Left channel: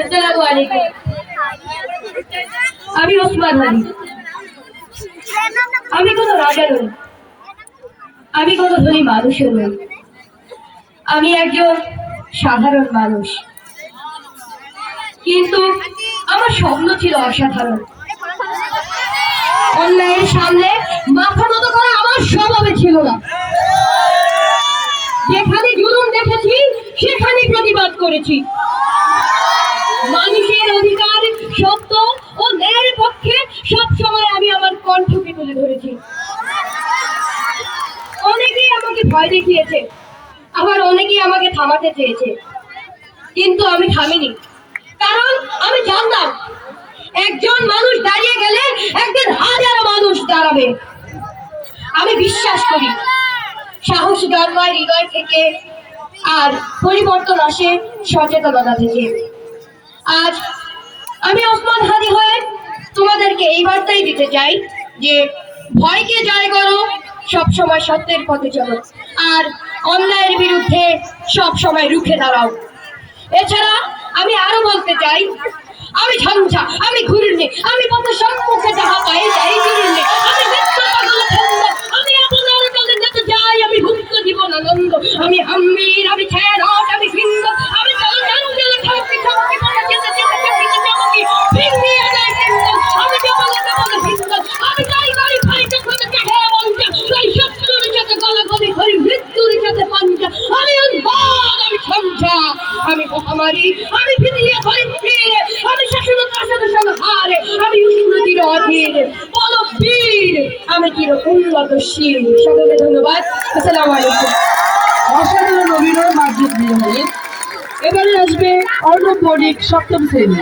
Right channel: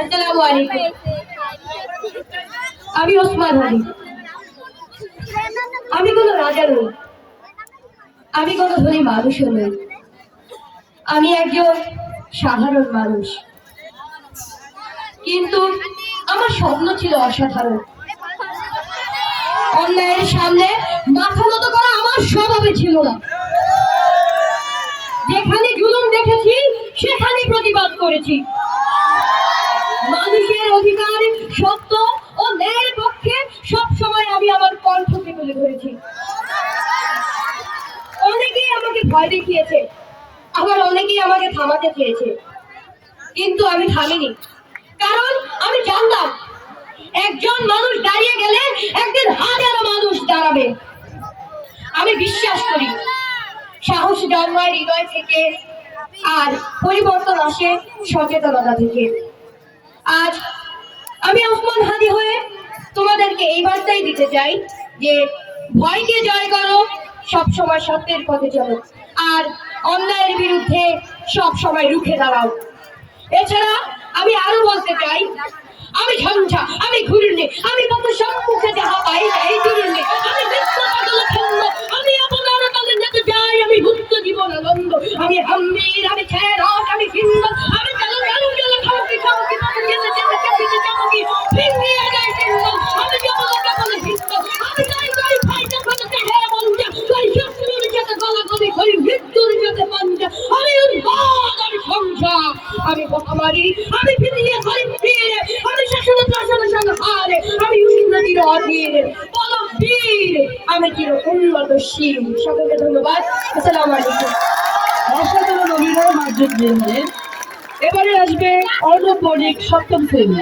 আসসালামু আলাইকুম। আমি ওসমান হাদি। আমি কোনো রাজা নই, আমি কোনো ধনী মানুষও নই। আমি একজন সাধারণ মানুষ, কিন্তু আমার স্বপ্ন ছিল অসাধারণ। অন্যায়ের সামনে মাথা নত করা আমার স্বভাবে ছিল না। যেখানে জুলুম দেখেছি সেখানে প্রতিবাদ করেছি। মানুষের অধিকার, সত্য ও ন্যায়ের পক্ষে সব সময় আমি আমার কণ্ঠকে তুলে ধরেছি। অনেকেই আমাকে ভয় দেখিয়েছে, আবার অনেকেই আমাকে থামাতে চেয়েছে, কিন্তু আমি থামিনি। কারণ আমি জানতাম একজন মানুষ দাঁড়িয়ে গেলে একদিন হাজারো মানুষ দাঁড়াবে। আমি বিশ্বাস করি সাহস জন্মায় হৃদয় থেকে, আর পরিবর্তন আসে সচেতনতা থেকে। আজ আমি ওসমান হাদি হয়ে তোমাদেরকে এই বার্তাই দিতে চাই যে ভয়কে জয় করো, সবসময় সত্যের পথে চলো, আর অন্যায়ের বিরুদ্ধে সব সময় রুখে দাঁড়াও। এছাড়া আমি আরো বলতে চাই, আমি ঝঞ্ঝা, আমি ঘুরনি, আমি কত সম্মুখে যাহা পাই যাই ঘুরনি, আমি আমি আপনার কাছে যেতে যাই, আমি ভুক্ত জীবন আনন্দ, আমি হাম্মির, আমি ছেড়ট, আমি ভিন্ন, আমি চলো জানু গেলে খামকি খামকি পরে যেতে যেতে যেতে যাবকি ভিন্দি আগাই ভিন্ন, আমি কেবল কেবল ভিন্ন, আমি তাই তাই খাই যখন চাহে মনটা, তাই শত্রুর সাথে গলাগলি হই মৃত্যুর সাথে পাঞ্জা, আমি উন্মাদ, আমি ঝঞ্ঝা, আমি মহামারী, আমি ফিরিয়ে হই ফিরে, আমি শাসন প্রশাসন সংহারে, আমি উন্নতির অধীর পলক বীর, আমি চির উন্নতশীল। সকলকে ধন্যবাদ। আসসালামু আলাইকুম। অসাধারণ অভিনয় মার্জিত দিলেন। এবারে আসবে অর্ণব বণিক, সপ্তম শ্রেণী।